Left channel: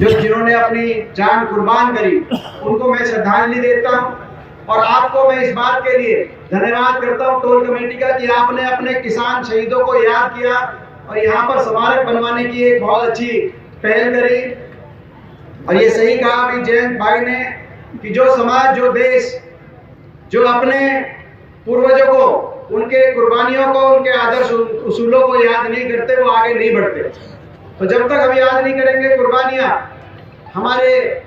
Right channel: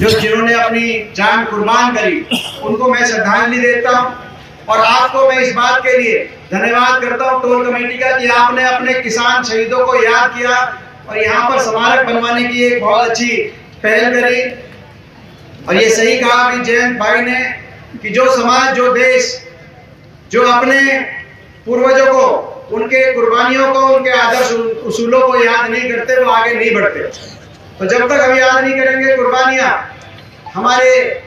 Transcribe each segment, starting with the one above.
जिन्होंने अपनी जान कुर्बान करी, उनको मैं श्रद्धांजलि देता हूँ। और आपको मैं इस बात के लिए धन्यवाद करता हूँ टोल कमेटी का कि आपने अपने किसान शहीदों को याद किया और यहाँ पर स्मारक बनवाने की एक बहुत अच्छी पहल करी। और ये सही कहा कि जयंत भाई ने कि जो समाज, जो देश, जो अपने पूर्वजों को, उनके कुर्बानियों को, उनके आदर्श उसूलों को याद नहीं करते, वो आगे नहीं बढ़ते। तो जब तक हम याद नहीं करेंगे कुर्बानियां हमारे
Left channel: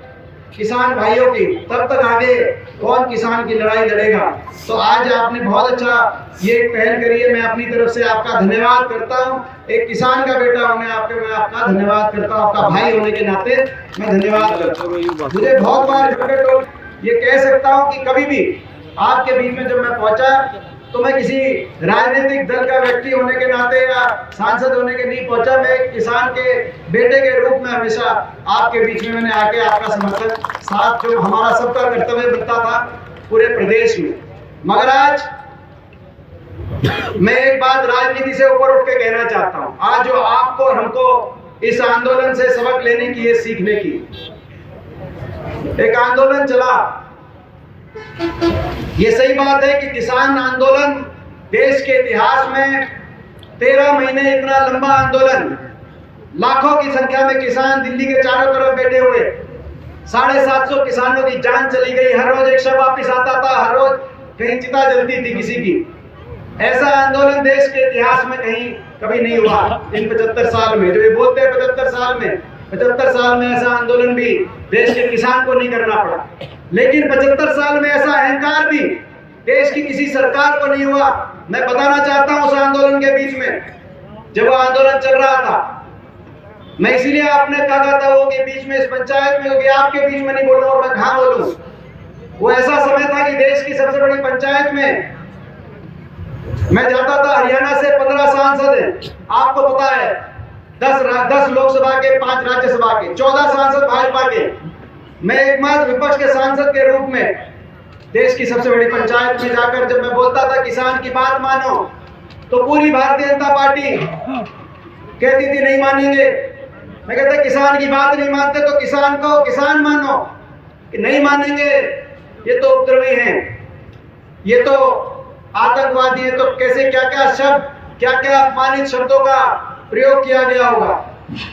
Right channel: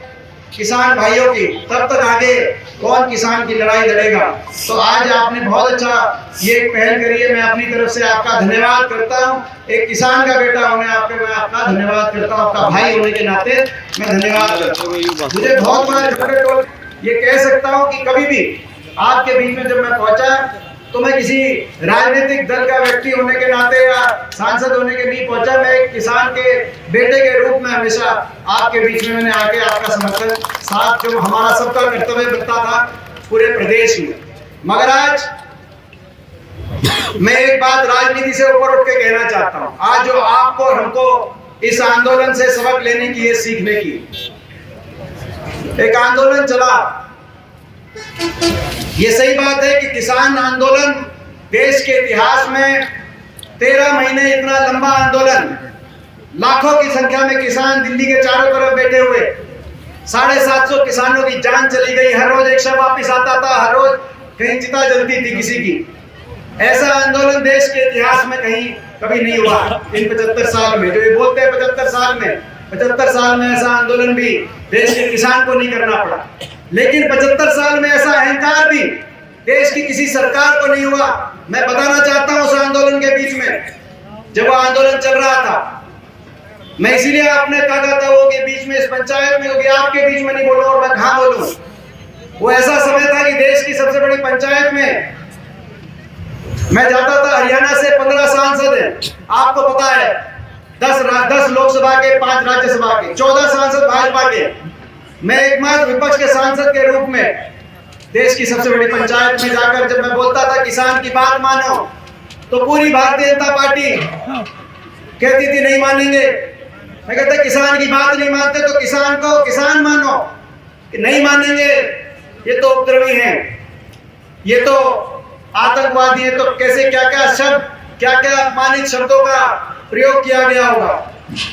किसान भाइयों की, तब तक आगे कौन किसान की लड़ाई लड़ेगा। तो आज आपने बहुत अच्छा ये पहल करी है, मैं अपनी तरफ से आपका धन्यवाद करता हूँ। एक किसान का बेटा होने आपके मैं आपका धन्यवाद करता हूँ, आपका भाई होने के नाते मैं धन्यवाद करता हूँ। मुझे बहुत बार ये कह सकता हूँ कि कभी भी आपके बीच में जब मैं पहुंचा तो मैं किसी राजनीतिक दल का व्यक्ति होने के नाते या सांसद होने के नहीं पहुंचा। मैं एक किसान के बेटे के रूप में हमेशा आपके बीच में मैंने आके आपका समर्थन साथ, जो हमारा सबका कर्तव्य बनता था पूरे प्रदेश में। मगर आज मैं एक बात राजनीति से ऊपर उठ के कहना चाहता हूँ। आज जो आपको और हमको इस आंदोलन से सबक लेने की है, सीखने की, एक आंदोलन चला। ये सही बात है कि किसान आंदोलन देश के इतिहास में 13 महीने इतना लंबा आंदोलन, लाखों की संख्या में किसान दिल्ली के चारों तरफ बैठे हुए, 750 किसानों की जान चली गई, हर रोज एक शव वापिस आता था, हर रोज कहीं चिता जलती थी किसी की। ऐसा आंदोलन देश के इतिहास में कहीं कभी नहीं हुआ इन 75 साल में। जो ये बोलते हैं 75 साल में ऐसा आंदोलन भी देश के किसान को नहीं करना पड़ा। लेकिन 75 साल में ऐसा अहंकार भी देश की किसी सरकार को नहीं हुआ। मैं बताना चाहता हूं उस आंदोलन के बीच में जब वो आंदोलन चल रहा था, मैं इसीलिए आपने कहा था वो के बीच में, इस पंचायत में, क्योंकि आपके बीच में नहीं बोलूं और मैं कहां बोलूं। वो ऐसा समय था कि देश की सबसे बड़ी पंचायत में मैं जाता था। हरियाणा से 15 सांसद हैं, आपको पता है, 10 लोकसभा के, 5 राज्यसभा के, 14 सांसद भाजपा के। मैं एकमात्र विपक्ष के सांसद के रूप में देश की सबसे बड़ी पंचायत में जाकर जब मैं बोलता था किसान की बात मानो, तो पूरी भारतीय जनता पार्टी कहती थी नहीं मानेंगे। मैं कहता किसान की बात नहीं मानते तो किसान को किसान मानो, कि नहीं मानेंगे ये तो उपद्रवी हैं, ये तो आतंकवादी है। तो कैसे क्या क्या शब्द, क्या क्या अपमानित शब्दों का प्रयोग किया गया होगा,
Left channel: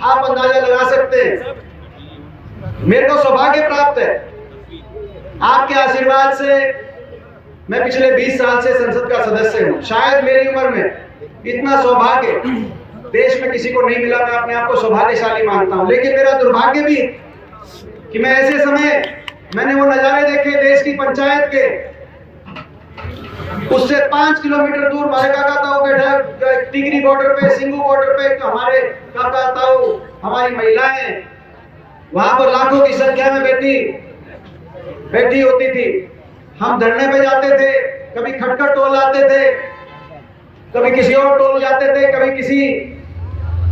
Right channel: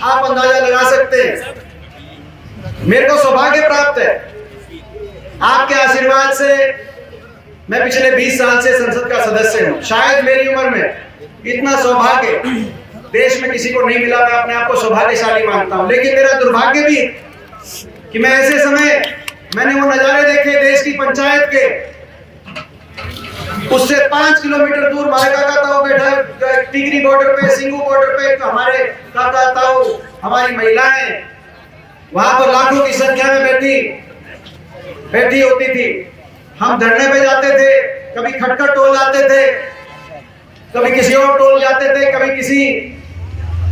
आप अंदाजा लगा सकते हैं। मेरे को सौभाग्य प्राप्त है आपके आशीर्वाद से, मैं पिछले 20 साल से संसद का सदस्य हूं। शायद मेरी उम्र में इतना सौभाग्य देश में किसी को नहीं मिला। मैं अपने आप को सौभाग्यशाली मानता हूं। लेकिन मेरा दुर्भाग्य भी कि मैं ऐसे समय मैंने वो नजारे देखे देश की पंचायत के, उससे 5 किलोमीटर दूर हमारे काका ताऊ बैठा, टिकरी बॉर्डर पे, सिंगू बॉर्डर पे, तो हमारे काका ताऊ, हमारी महिलाएं वहां पर लाखों की संख्या में बैठी होती थी। हम धरने पे जाते थे, कभी खटखट टोल जाते थे, कभी किसी और टोल जाते थे, कभी किसी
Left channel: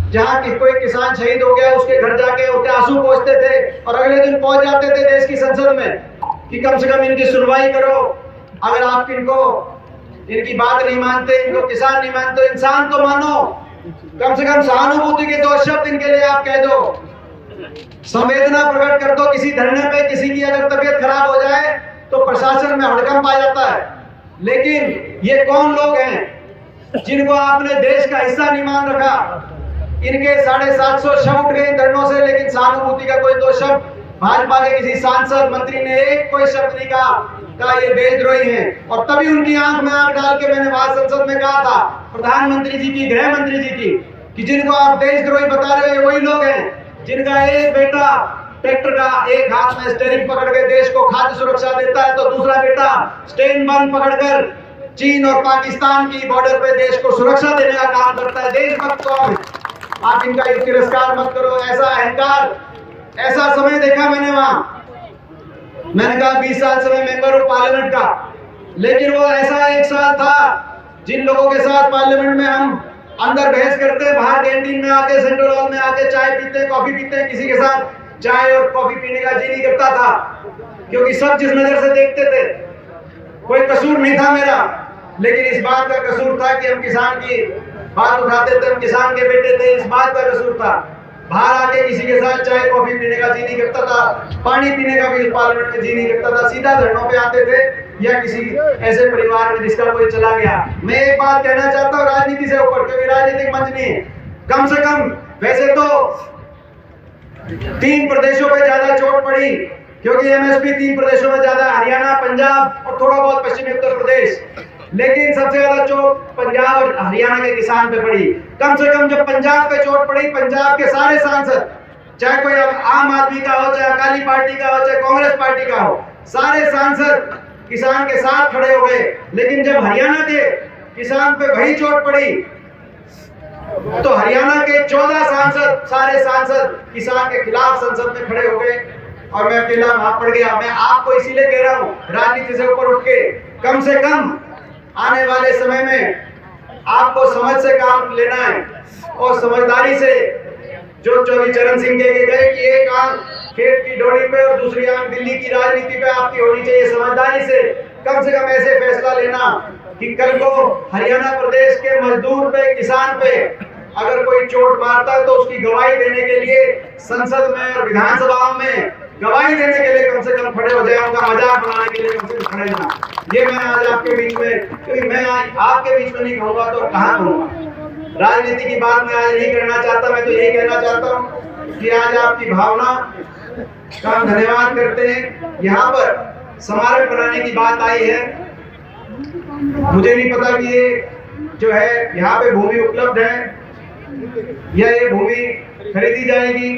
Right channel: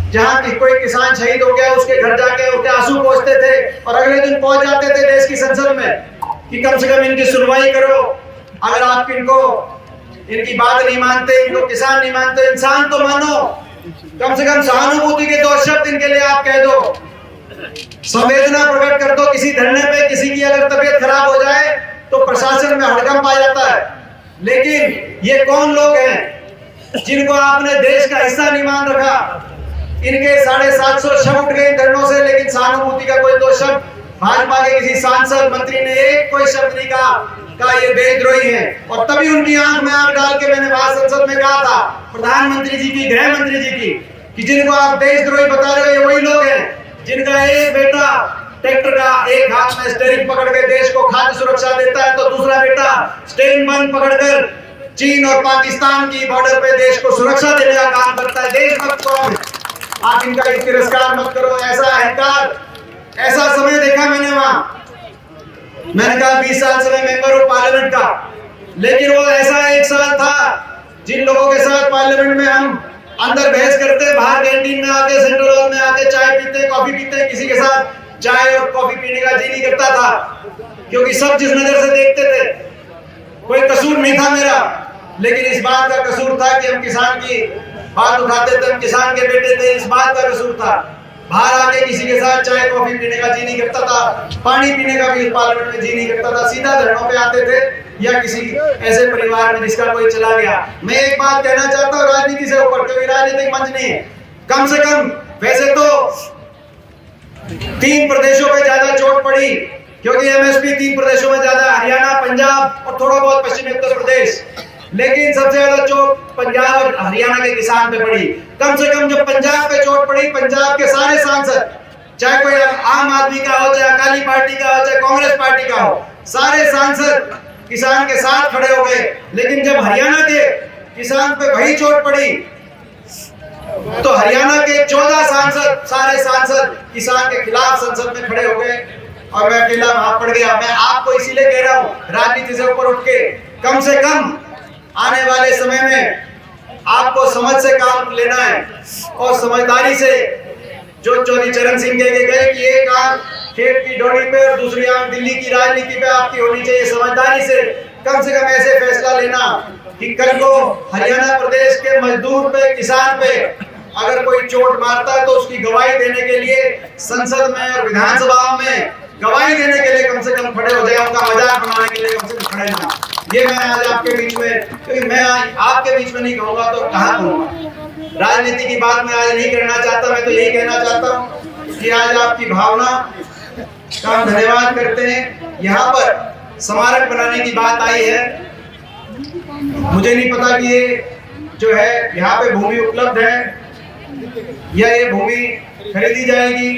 जहाँ की कोई किसान शहीद हो गया उसके घर जाके उसके आंसू पोंछते थे और अगले दिन पहुंच जाते थे देश की संसद में कि कम से कम इनकी सुनवाई करो। अगर आप इनकी बात नहीं मानते, इनको किसान नहीं मानते, इंसान तो मानो, कम से कम सहानुभूति के 2 शब्द इनके लिए आप कह दो, संवेदना प्रकट कर दो। किसी धरने पे किसी की अगर तबीयत खराब हो जाए तो प्रशासन में हड़कंप आ जाता है। लेकिन ये कौन लोग हैं जिनको आपने देश का हिस्सा नहीं मान रखा? इनके 750 शव उठ गए धरनों से, लेकिन सहानुभूति का कोई 2 शब्द भाजपा के किसी सांसद मंत्री ने एक कोई शब्द नहीं कहा ये देशद्रोही है। और तभी उनकी आंख में आंख डाल के मैंने वहां संसद में कहा था प्रधानमंत्री जी की, गृह मंत्री जी की, कि जिनको आप देशद्रोही बता रहे हो ये वही लोग हैं जिनका एक बेटा ट्रैक्टर का एक हाथ में स्टीयरिंग पकड़ के देश को खाद्य सुरक्षा देता है, तो दूसरा बेटा स्टेन बंद पकड़कर चीन और पाकिस्तान की बॉर्डर पे देश को सुरक्षा देने का काम करता है। देशभक्त कौन है? आप इनका तिरस्कार मत करो। ऐसा अहंकार, ऐसा समय देखा मैंने वहां। मैंने कहा 20 साल से मैं मेंबर हूं पार्लियामेंट का, लेकिन वो ऐसा एक साल था जिन लोगों के साथ पार्लियामेंट में हम अंदर बहस करते, बाहर कैंटीन में आके, सेंट्रल हॉल में आके चाय पीते, कॉफी पीते, किसी के साथ चाय और कॉफी पीने का जी नहीं करता था, क्योंकि सब जिस नजर से देखते थे, कोई कसूर नहीं था मेरा, लेकिन इस बात का कसूर था कि हम किसान की बात उठाते थे, हम किसान के बेटे थे, इस बात का कसूर था। बाहर आके किसी के साथ चाय कॉफी पीने का जी नहीं करता था, पानी पीने का भी पार्लियामेंट में जी नहीं करता था, सीधा धरनों पे आते थे या किसी ऐसे परिवार में जिसका कोई चला गया। मैं एक बात कहना चाहता हूँ राजनीति से ऊपर, क्योंकि राजनीतिक मंच नहीं है, कम से कम वैसे तो 3 प्रदेशों पे ज्यादा चोट पड़ी, क्योंकि एमएसपी 3 प्रदेशों में ज्यादा, हरियाणा, पंजाब और थोड़ा बहुत पश्चिमी उत्तर प्रदेश, लेकिन सबसे ज्यादा चोट पंजाब और हरियाणा के किसान पे पड़ी। कम से कम जब पंजाब पे चोट पड़ी, पंजाब के सारे सांसद, चाहे कोई आम आदमी का हो, चाहे अकाली पार्टी का हो, चाहे कांग्रेस पार्टी का हो, सारे सांसद किसान के साथ खड़े हो गए। लेकिन जब हरियाणा के किसान पे वही चोट पड़ी तो हरियाणा के 14 सांसद, सारे सांसद किसान के खिलाफ संसद में खड़े हो गए और मैं अकेला वहां पड़ गया। मैं आपको इसीलिए कह रहा हूं, राजनीति से ऊपर उठ के कम से कम आने वाले समय में आपको समझ से काम लेना है और समझदारी से, जो चौधरी चरण सिंह कह के गए कि एक आंख खेत की डोरी पे और दूसरी आंख दिल्ली की राजनीति पे आपकी होनी चाहिए। समझदारी से कम ऐसे फैसला लेना कि कल को हरियाणा प्रदेश के मजदूर पे, किसान पे अगर कोई चोट मारता है तो उसकी गवाही देने के लिए संसद में और विधानसभा में गवाही देने के लिए कम से कम खड़े हो जाए, उनका मजाक बनाने के लिए कम से कम खड़े ना। ये मैं आज आपके बीच में, क्योंकि मैं आज आपके बीच में नहीं कहूँगा तो कहाँ कहूँगा। राजनीति की बात मैं आज नहीं करना चाहता, मैं तो यही कहना चाहता हूँ कि आज आपकी भावना का हम धन्यवाद करते हैं। यहाँ पर स्मारक बनाने की बात आई है, मुझे नहीं पता कि ये जो है यहाँ पे भूमि उपलब्ध है या ये भूमि खरीदी जाएगी।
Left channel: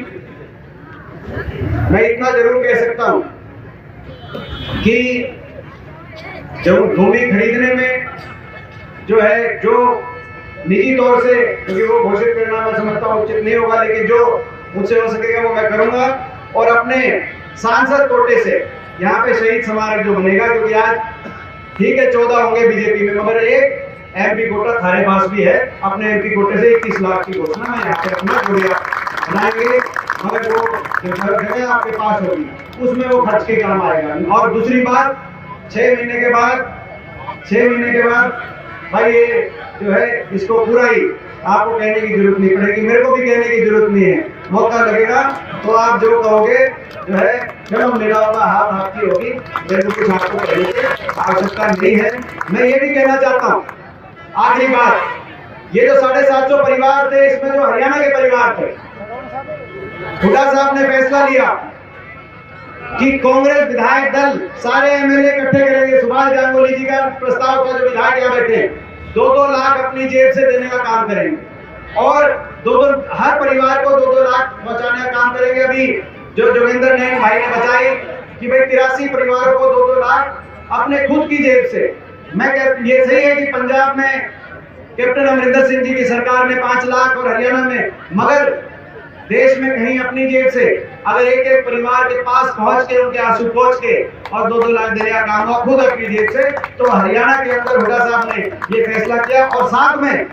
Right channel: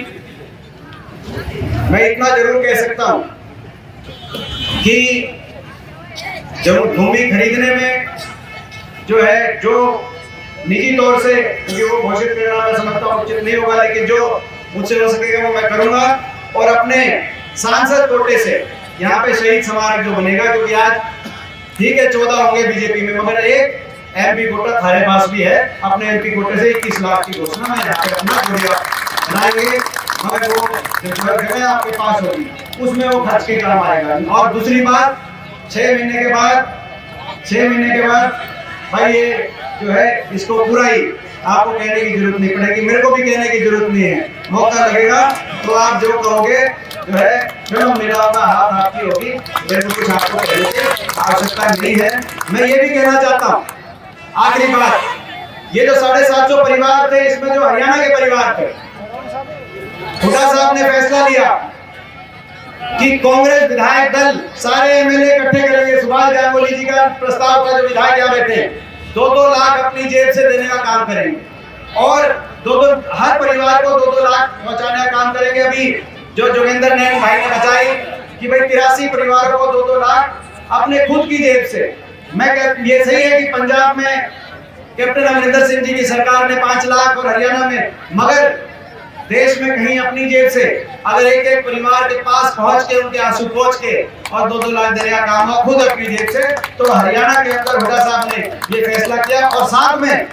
मैं इतना जरूर कह सकता हूँ कि जब भूमि खरीदने में जो है, जो निजी तौर से, क्योंकि वो घोषित करना मैं समझता हूँ उचित नहीं होगा, लेकिन जो मुझसे हो सकेगा वो मैं करूंगा। और अपने सांसद कोटे से यहाँ पे शहीद स्मारक जो बनेगा, क्योंकि आज ठीक है 14 होंगे बीजेपी में, मगर एक एमपी कोटा थारे पास भी है, अपने एमपी कोटे से 21 लाख की घोषणा मैं यहाँ पे अपना बनाएंगे, मगर वो जगह आपके पास होगी उसमें वो खर्च के काम आएगा। और दूसरी बात, 6 महीने के बाद भाई ये जो है इसको पूरा ही आपको कहने की जरूरत नहीं पड़ेगी, मेरे को भी कहने की जरूरत नहीं है। मौका लगेगा तो आप जो कहोगे जो है, चलो मेरा होगा, हाथ आपकी होगी, मेरे को कुछ आपको कहने की आवश्यकता नहीं है। मैं ये भी कहना चाहता हूँ, आखिरी बात, ये जो 750 परिवार थे, इसमें जो हरियाणा के परिवार थे, हुड्डा साहब ने फैसला लिया कि कांग्रेस विधायक दल सारे एमएलए इकट्ठे करेंगे। सुभाष गांगुली जी का प्रस्ताव का जो विधायक यहाँ बैठे हैं, 2-2 लाख अपनी जेब से देने का काम करेंगे और 2-2 हर परिवार को 2-2 लाख पहुंचाने का काम करेंगे। अभी जो जोगिंदर नैन भाई ने बताई कि भाई 83 परिवारों को 2-2 लाख अपने खुद की जेब से। मैं ये सही है कि पंजाब में कैप्टन अमरिंदर सिंह जी की सरकार ने 5 लाख और हरियाणा में, मगर देश में कहीं अपनी जेब से अगर एक परिवार के पास पहुंच के उनके आंसू पहुंच के और 2-2 लाख देने का काम हुआ खुद अपनी जेब से, तो हरियाणा के अंदर हुड्डा साहब ने ये फैसला किया। और साथ में